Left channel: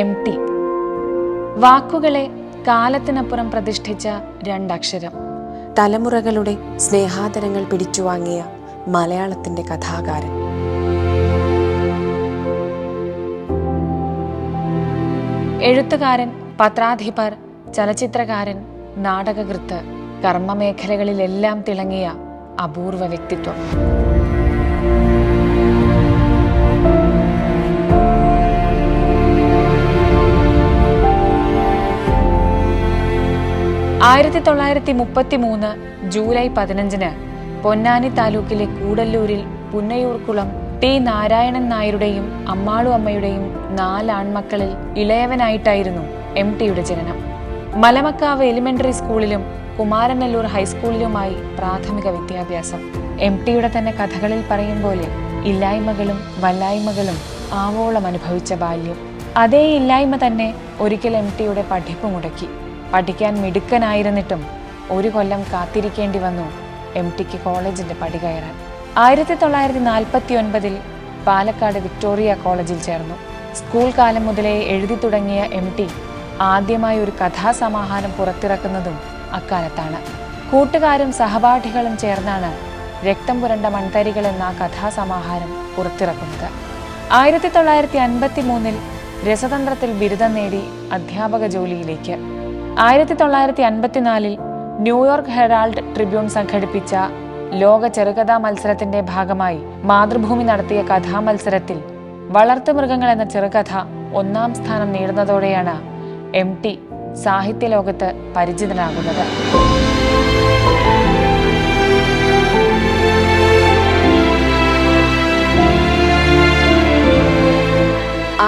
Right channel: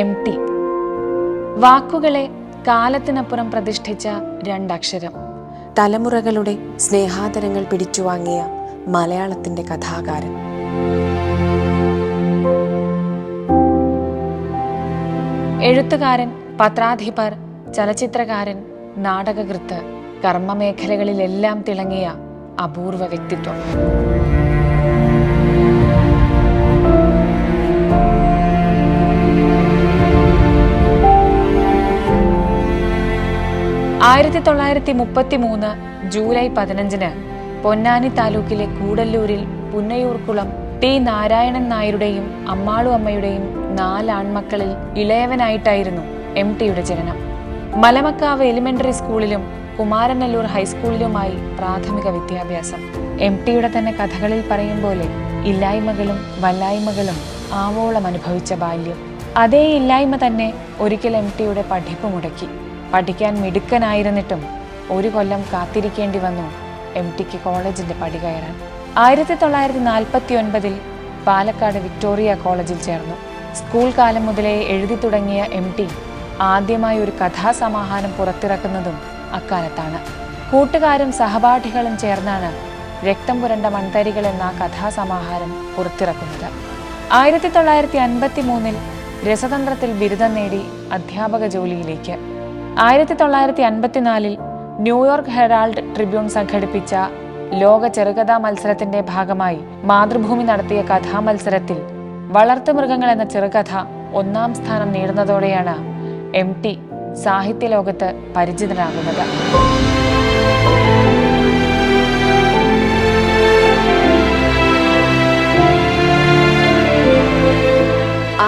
M T വാക്കുകളെ കാലത്തിനപ്പുറം പ്രതിഷ്ഠിച്ച രണ്ടക്ഷരം. തലമുറകളുടെ സ്നേഹാദരങ്ങൾ പിടിച്ചുവാങ്ങിയ മലയാളത്തിന്റെ കഥാകാരൻ. എഴുത്തുകാരൻ പത്രാധിപർ ചലച്ചിത്രകാരൻ നാടകകൃത്ത് കർമ്മമേഖലകളിലെല്ലാം തിളങ്ങിയ അപൂർവ വ്യക്തിത്വം. ആയിരത്തി തൊള്ളായിരത്തി മുപ്പത്തി മൂന്ന് ജൂലൈ പതിനഞ്ചിന് പൊന്നാനി താലൂക്കിലെ കൂടല്ലൂരിൽ പുന്നയൂർക്കുളം ടി നാരായണൻ നായരുടെയും അമ്മാളു അമ്മയുടെയും നാലാൺമക്കളിൽ ഇളയവനായിട്ടായിരുന്നു എം ടിയുടെ ജനനം. മലമക്കാവ് എലിമെന്ററി സ്കൂളിലും കുമാരനല്ലൂർ ഹൈസ്കൂളിലുമായി പ്രാഥമിക വിദ്യാഭ്യാസം. എം ടിയുടെ തന്നെ കഥകളിൽ പറയും പോലെ ഇല്ലായ്മകളും വല്ലായ്മകളും ആവോളം അനുഭവിച്ച ബാല്യം. അതേ ഇല്ലായ്മ തന്നെ ഒരിക്കൽ എം ടിയുടെ പഠിപ്പ് മുടക്കി. പഠിക്കാൻ മിടുക്കനായിരുന്നിട്ടും ഒരു കൊല്ലം കാത്തിരിക്കേണ്ടി വന്നു എം ടിക്ക് കോളേജിന്റെ പടി കയറാൻ. ആയിരത്തി തൊള്ളായിരത്തി നാൽപ്പത്തി ഒൻപതിൽ പാലക്കാട് വിക്ടോറിയ കോളേജിൽ ചേർന്നു. സ്കൂൾ കാലം മുതലേ എഴുതി തുടങ്ങിയ എം ടി ആദ്യമായി ഒരു കഥാസമാഹാരം പുറത്തിറക്കുന്നതും അക്കാലത്താണ്. കൂട്ടുകാരും സഹപാഠികളും ചേർന്നാണ് രക്തം പുരണ്ട മൺതരികൾ എന്ന കഥാസമാഹാരം പുറത്തിറക്കുന്നത്. ആയിരത്തി തൊള്ളായിരത്തി അൻപത്തി മൂന്നിൽ രസതന്ത്രത്തിൽ ബിരുദം നേടി അധ്യാപക ജോലിയിലേക്ക്. ആയിരത്തി തൊള്ളായിരത്തി അൻപത്തിനാലിൽ ന്യൂയോർക്ക് ഹെറാൾഡ് ട്രിബ്യൂൺ സംഘടിപ്പിച്ച ലോക ചെറുകഥാ മത്സരത്തിന്റെ ഭാഗമായി മാതൃഭൂമി നടത്തിയ കഥാമത്സരത്തിൽ വളർത്തുമൃഗങ്ങൾ എന്ന ചെറുകഥ ഒന്നാം സ്ഥാനം നേടുന്നതോടെയാണ് എം ടി സാഹിത്യലോകത്ത് പരിചിതനാകുന്നത്.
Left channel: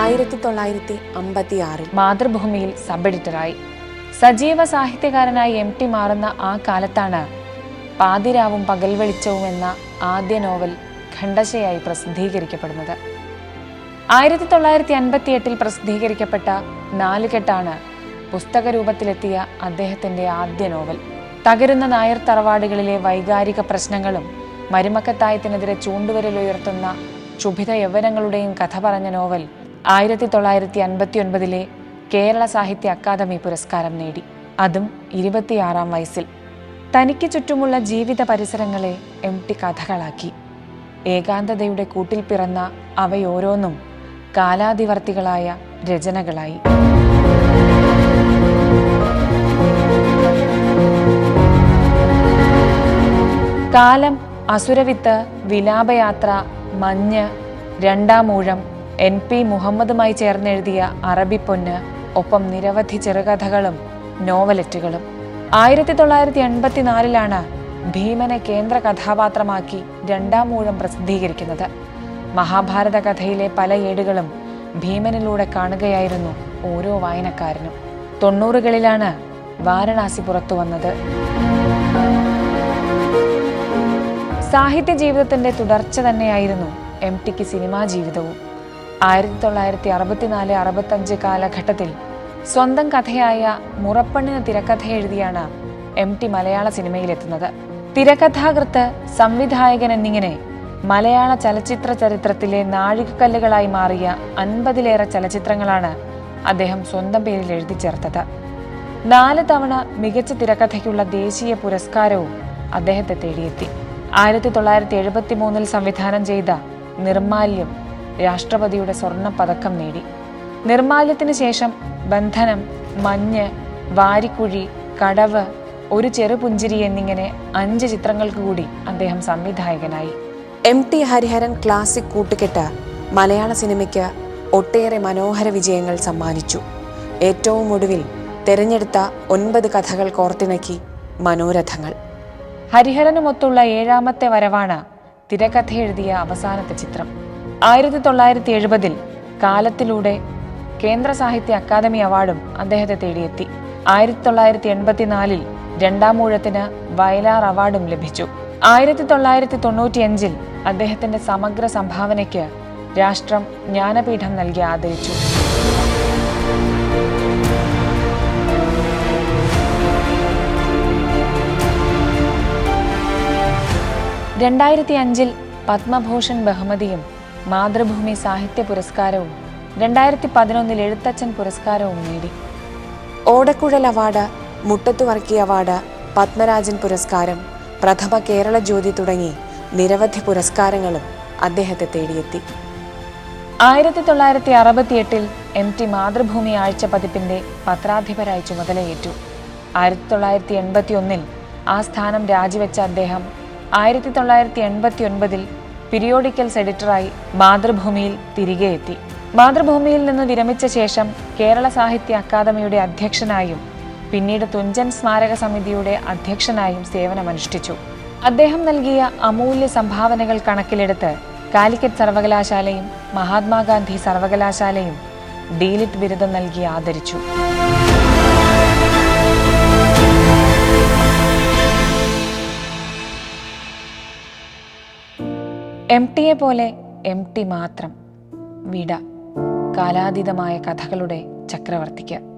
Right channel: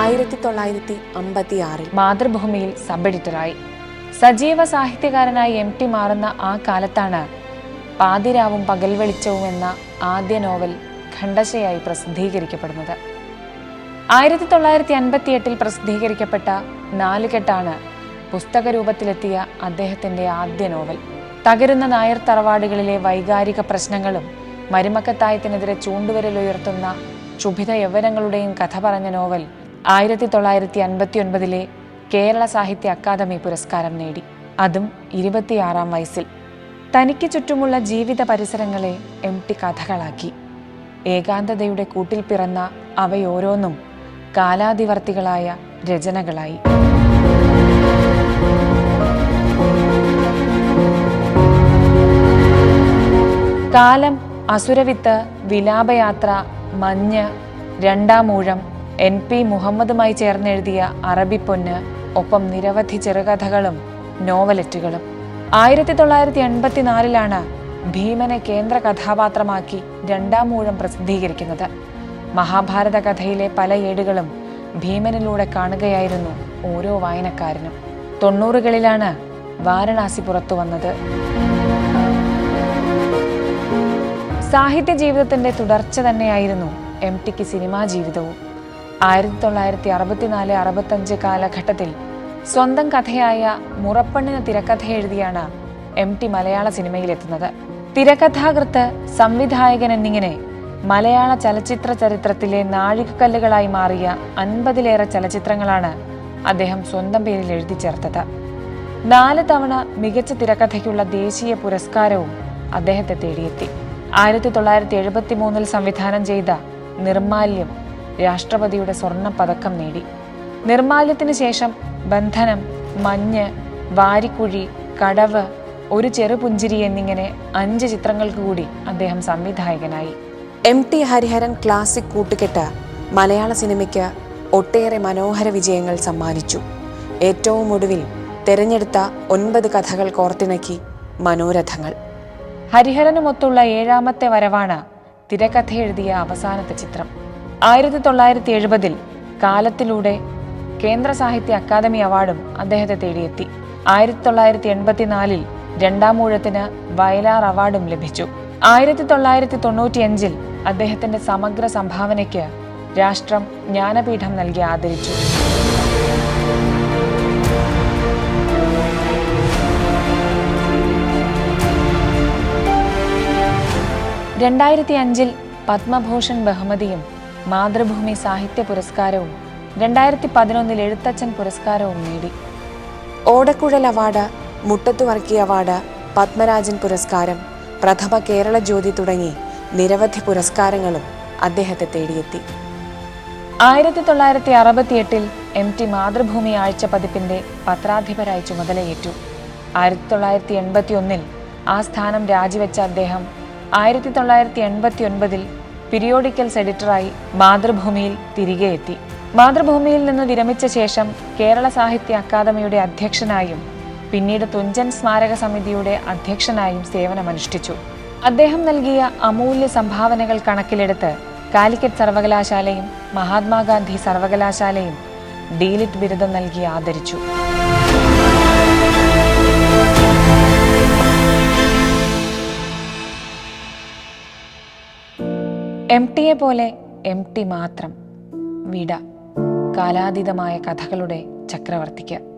ആയിരത്തി തൊള്ളായിരത്തി അമ്പത്തി ആറിൽ മാതൃഭൂമിയിൽ സബ് എഡിറ്ററായി. സജീവ സാഹിത്യകാരനായി എം ടി മാറുന്ന ആ കാലത്താണ് പാതിരാവും പകൽ വെളിച്ചവും എന്ന ആദ്യ നോവൽ ഖണ്ഡശയായി പ്രസിദ്ധീകരിക്കപ്പെടുന്നത്. ആയിരത്തി തൊള്ളായിരത്തി അൻപത്തി എട്ടിൽ പ്രസിദ്ധീകരിക്കപ്പെട്ട നാലുകെട്ടാണ് പുസ്തക രൂപത്തിലെത്തിയ അദ്ദേഹത്തിന്റെ ആദ്യ നോവൽ. തകരുന്ന നായർ തറവാടുകളിലെ വൈകാരിക പ്രശ്നങ്ങളും മരുമക്കത്തായത്തിനെതിരെ ചൂണ്ടുവിരലുയർത്തുന്ന ക്ഷുഭിത യൗവനങ്ങളുടെയും കഥ പറഞ്ഞ നോവൽ ആയിരത്തി തൊള്ളായിരത്തി അൻപത്തി ഒൻപതിലെ കേരള സാഹിത്യ അക്കാദമി പുരസ്കാരം നേടി. അതും ഇരുപത്തിയാറാം വയസ്സിൽ. തനിക്ക് ചുറ്റുമുള്ള ജീവിത പരിസരങ്ങളെ എം ടി കഥകളാക്കി. ഏകാന്തതയുടെ കൂട്ടിൽ പിറന്ന അവയോരോന്നും കാലാതിവർത്തികളായ രചനകളായി. കാലം അസുരവിത്ത് വിലാപയാത്ര മഞ്ഞ് രണ്ടാമൂഴം എൻ പി മുഹമ്മദുമായി ചേർന്നെഴുതിയ അറബിപ്പൊന്ന് ഒപ്പം നിരവധി ചെറുകഥകളും നോവലറ്റുകളും ആയിരത്തി തൊള്ളായിരത്തി എൺപത്തിനാലിലാണ് ഭീമനെ കേന്ദ്ര കഥാപാത്രമാക്കി രണ്ടാം മൂഴം പ്രസിദ്ധീകരിക്കുന്നത്. മഹാഭാരത കഥയിലെ പല ഏടുകളും ഭീമനിലൂടെ കാണുകയായിരുന്നു ഓരോ വായനക്കാരനും. തൊണ്ണൂറുകളിലാണ് വാരണാസി പുറത്തു വന്നത്. സാഹിത്യ ജീവിതത്തിന്റെ തുടർച്ച തന്നെയായിരുന്നു എം ടിക്ക് സിനിമാ ജീവിതവും. ആയിരത്തി തൊള്ളായിരത്തി അറുപത്തിനാല് അറുപത്തഞ്ച് കാലഘട്ടത്തിൽ സ്വന്തം കഥയായ മുറപ്പണ്ണിന് തിരക്കഥ എഴുതിയാണ് എം ടി മലയാള സിനിമയിലെത്തുന്നത്. തിരക്കഥാകൃത്ത് സംവിധായകൻ എന്നിങ്ങനെ മലയാള ചലച്ചിത്ര ചരിത്രത്തിലെ നാഴികക്കല്ലുകളായി മാറിയ അൻപതിലേറെ ചലച്ചിത്രങ്ങളാണ് അദ്ദേഹം സ്വന്തം പേരിൽ എഴുതി ചേർത്തത്. നാല് തവണ മികച്ച തിരക്കഥയ്ക്കുള്ള ദേശീയ പുരസ്കാരവും അദ്ദേഹത്തെ തേടിയെത്തി. ആയിരത്തി തൊള്ളായിരത്തി എഴുപത്തി മൂന്നിൽ സംവിധാനം ചെയ്ത നിർമാല്യം രാഷ്ട്രപതിയുടെ സ്വർണ പതക്കം നേടി. നിർമാല്യത്തിന് ശേഷം ബന്ധനം മഞ്ഞ് വാരിക്കുഴി കടവ് ഒരു ചെറുപുഞ്ചിരി എന്നിങ്ങനെ അഞ്ച് ചിത്രങ്ങൾക്ക് കൂടി അദ്ദേഹം സംവിധായകനായി. എം ടി ഹരിഹരൻ ക്ലാസിക് കൂട്ടുകെട്ട മലയാള സിനിമയ്ക്ക് ഒട്ടേറെ മനോഹര വിജയങ്ങൾ സമ്മാനിച്ചു. ഏറ്റവും ഒടുവിൽ തെരഞ്ഞെടുത്ത ഒൻപത് കഥകൾ കോർത്തിണക്കി മനോരഥങ്ങൾ. ഹരിഹരനുമൊത്തുള്ള ഏഴാമത്തെ വരവാണ് തിരക്കഥ എഴുതിയ അവസാനത്തെ ചിത്രം. ആയിരത്തി തൊള്ളായിരത്തി എഴുപതിൽ കാലത്തിലൂടെ കേന്ദ്ര സാഹിത്യ അക്കാദമി അവാർഡും അദ്ദേഹത്തെ തേടിയെത്തി. ആയിരത്തി തൊള്ളായിരത്തി എൺപത്തിനാലിൽ രണ്ടാമൂഴത്തിന് വയലാർ അവാർഡും ലഭിച്ചു. ആയിരത്തി തൊള്ളായിരത്തി തൊണ്ണൂറ്റിയഞ്ചിൽ അദ്ദേഹത്തിന്റെ സമഗ്ര സംഭാവനയ്ക്ക് രാഷ്ട്രം ജ്ഞാനപീഠം നൽകി ആദരിച്ചു. രണ്ടായിരത്തി അഞ്ചിൽ പത്മഭൂഷൺ ബഹുമതിയും മാതൃഭൂമി സാഹിത്യ പുരസ്കാരവും രണ്ടായിരത്തി പതിനൊന്നിൽ എഴുത്തച്ഛൻ പുരസ്കാരവും നേടി. ഓടക്കുഴൽ അവാർഡ് മുട്ടത്തുവർക്കി അവാർഡ് പത്മരാജൻ പുരസ്കാരം പ്രഥമ കേരള ജ്യോതി തുടങ്ങി നിരവധി പുരസ്കാരങ്ങളും അദ്ദേഹത്തെ തേടിയെത്തി. ആയിരത്തി തൊള്ളായിരത്തി അറുപത്തിയെട്ടിൽ എം ടി മാതൃഭൂമി ആഴ്ച പതിപ്പിന്റെ പത്രാധിപരായി ചുമതലയേറ്റു. ആയിരത്തി തൊള്ളായിരത്തി എൺപത്തി ഒന്നിൽ ആ സ്ഥാനം രാജിവെച്ച അദ്ദേഹം ആയിരത്തി തൊള്ളായിരത്തി എൺപത്തി ഒൻപതിൽ പിരിയോഡിക്കൽസ് എഡിറ്ററായി മാതൃഭൂമിയിൽ തിരികെ എത്തി. മാതൃഭൂമിയിൽ നിന്ന് വിരമിച്ച ശേഷം കേരള സാഹിത്യ അക്കാദമിയുടെ അധ്യക്ഷനായും പിന്നീട് തുഞ്ചൻ സ്മാരക സമിതിയുടെ അധ്യക്ഷനായും സേവനമനുഷ്ഠിച്ചു. അദ്ദേഹം നൽകിയ അമൂല്യ സംഭാവനകൾ കണക്കിലെടുത്ത് കാലിക്കറ്റ് സർവകലാശാലയും മഹാത്മാഗാന്ധി സർവകലാശാലയും ഡീലിറ്റ് ബിരുദം നൽകി ആദരിച്ചു. എം ടിയെ പോലെ എം ടി മാത്രം വിട. കാലാതീതമായ കഥകളുടെ ചക്രവർത്തിക്ക്.